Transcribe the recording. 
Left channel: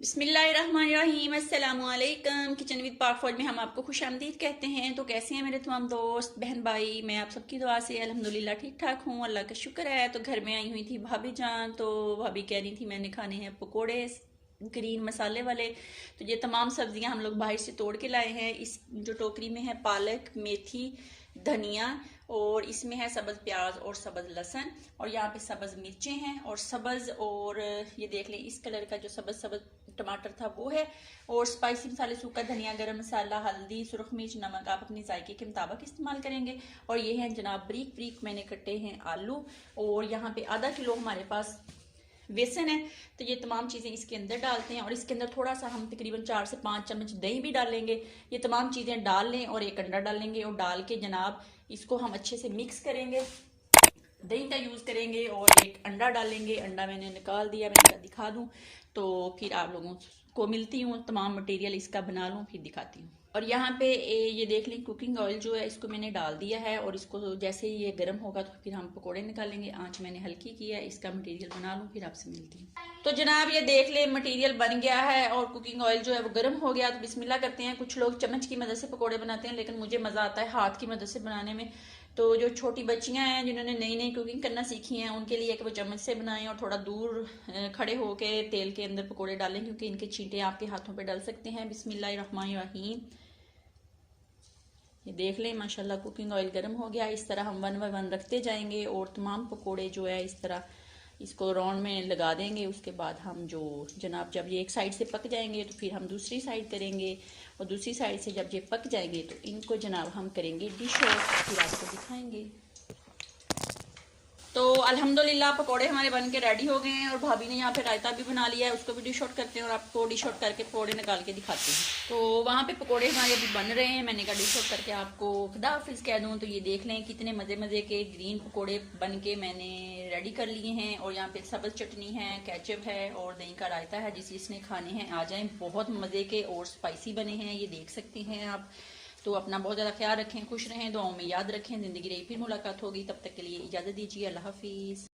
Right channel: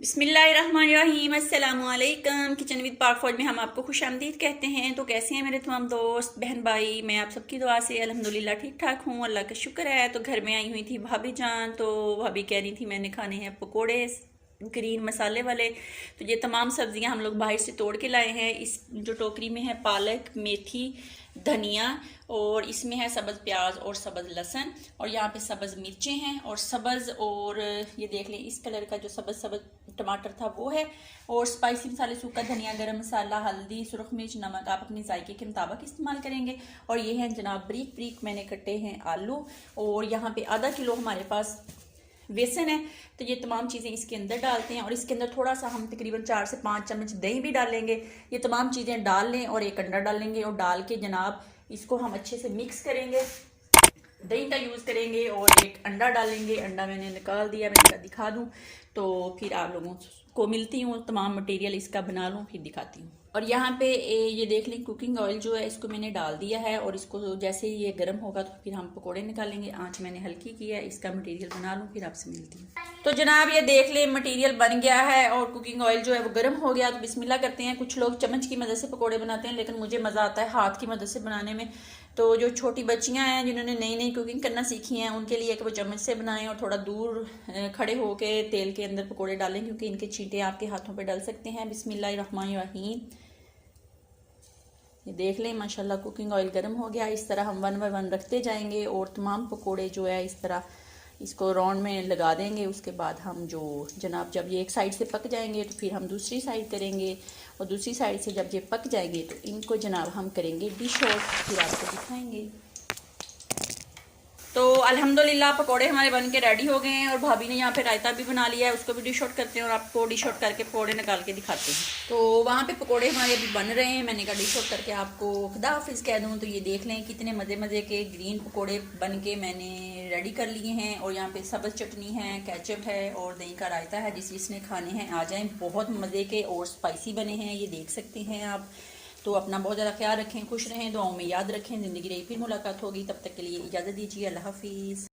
बिस्मिल्लाहिर्रहमानिर्रहीम, अस्सलामुअलैकुम। Kitchen with पाक फौज में हम आपको खुश आमदीद कहते हैं। तो कैसे हैं मेरे तमाम दोस्त बहन भाई? मैं आप सबकी दुआ से अल्हम्दुलिल्लाह ठीक ठाक हूँ, अल्लाह का शुक्र है। तो घर में आई हुई थी भाभी जान, तो भाभी कह रही थी मैंने खाने हैं पकोड़े ग्रीन मसाले वाले। तो ये तमाम सब्जियां हम लोग बाहर से तोड़ के लाए हैं। इस जो टोकरी में है पालक, मेथी, धनिया, और इसमें है सब्ज़ प्याज और सब्ज़ लहसुन, और यहाँ पे सब्ज़ मिर्चें हैं और सब्ज़, और ये देख लें इस कलर का जो सब्ज़ सब्ज़ टमाटर था वो है, और स्पाइसी मसाले सूखा धनिया, गरम मसाला, हल्दी, सुरख मिर्च, नमक आप अपने जायके के मुताबिक इस्तेमाल करेंगे। और ये हैं जनाब ब्रीक ब्रीक मैंने कटे हैं आलू, और यहाँ पे आधा किलो हमारे पास बेसन है। तो ये तमाम चीज़ें इसके अंदर डालते हैं, और इसके अंदर थोड़ा सा हम तकरीबन 4 से 5 चम्मच दही भी डालेंगे। ये तमाम चीज़ें डाल लें और एक अंडा डालेंगे, और डाल के जनाब इसको हम अच्छे से मिक्स करेंगे। दही का यूज़ करेंगे और एक अंडा डालेंगे। अंडा मैंने निकाल दिया, मैं दिखा दूँ तो फिर आप लोगों को मिलती हूँ, तमाम मटेरियल इसका बना लूँ फिर दिखाती हूँ। और यहाँ पे ये देख लें कुकिंग ऑयल जो है इसको मैंने डाल दिया है, और इसको जैसे ही ये गर्म होगा तो फिर हम पकोड़े निकालेंगे। आंच मैंने हल्की की है, इसका मटेरियल बना लूँ फिर आपसे मिलती हूँ। तो जनाब ये देख लें मटेरियल बन गया है, और कुकिंग ऑयल जो है वो गर्म हो गया। तो बिस्मिल्लाह करते हैं। कुछ लोग चम्मच की मदद से पकोड़े बनाते हैं, लेकिन मुझे मज़ा आता है हाथ की मदद से बनाने में। तो जो छोटी बच्चियां हैं जिन्होंने नई नई कुकिंग करना सीखी हैं उनके लिए कि वो चम्मच से बनाएं, और थोड़ा दूर खड़े होके तेल के अंदर पकोड़े डालें, क्योंकि इनके छींटे आपके हाथों पे डल सकते हैं। बिस्मिल्लाहिर्रहमानिर्रहीम। ये देख लें माशाल्लाह कुकिंग ऑयल गर्म हो गया। इस तरह हम 1 बाय 1 रखते जाएंगे, और तमाम पकोड़े जो है इस तरह इसको राउंड में लगा देंगे। उसके बाद हम जो जनाब जब ये एक साइड से पक जाएंगे तो फिर हम दूसरी साइड करेंगे, और दूसरी साइड से जब ये पक जाएंगे तो इनको जनाब हम करेंगे डिश आउट, फिर आपको दिखाएंगे। तो अल्हम्दुलिल्लाह पकोड़े हमारे बन के रेडी हो गए हैं, और भाभी ने यहाँ पे रायता भी बना लिया है, उसको भी डिश आउट करते हैं और आपको डिश आउट करके पकोड़े निकाल के दिखाते हैं। तो वहाँ पे पकोड़े हमारे अभी बन रहे हैं, मैंने कहा डिश आउट करके आपको खुदा हाफिज़ कह दूँ। तो ये देख लें कितने मज़े मज़े के ग्रीन पकोड़े बन के मैंने रेडी कर लिए हैं, और यहाँ पे सब्ज़ चटनी है, केचप है, और दही का रायता है। जिस जिसने खाने हैं आ जाएँ, बहुत मज़े के और स्पाइसी बने हैं, ये देख सकते हैं आप। तो अपना बहुत ज़्यादा ख्याल रखें, खुश रहें, दुआओं में याद रखें। ज़िंदगी रही फिर मुलाकात होगी, तब तक के लिए इजाज़त दीजिए, अल्लाह हाफिज़।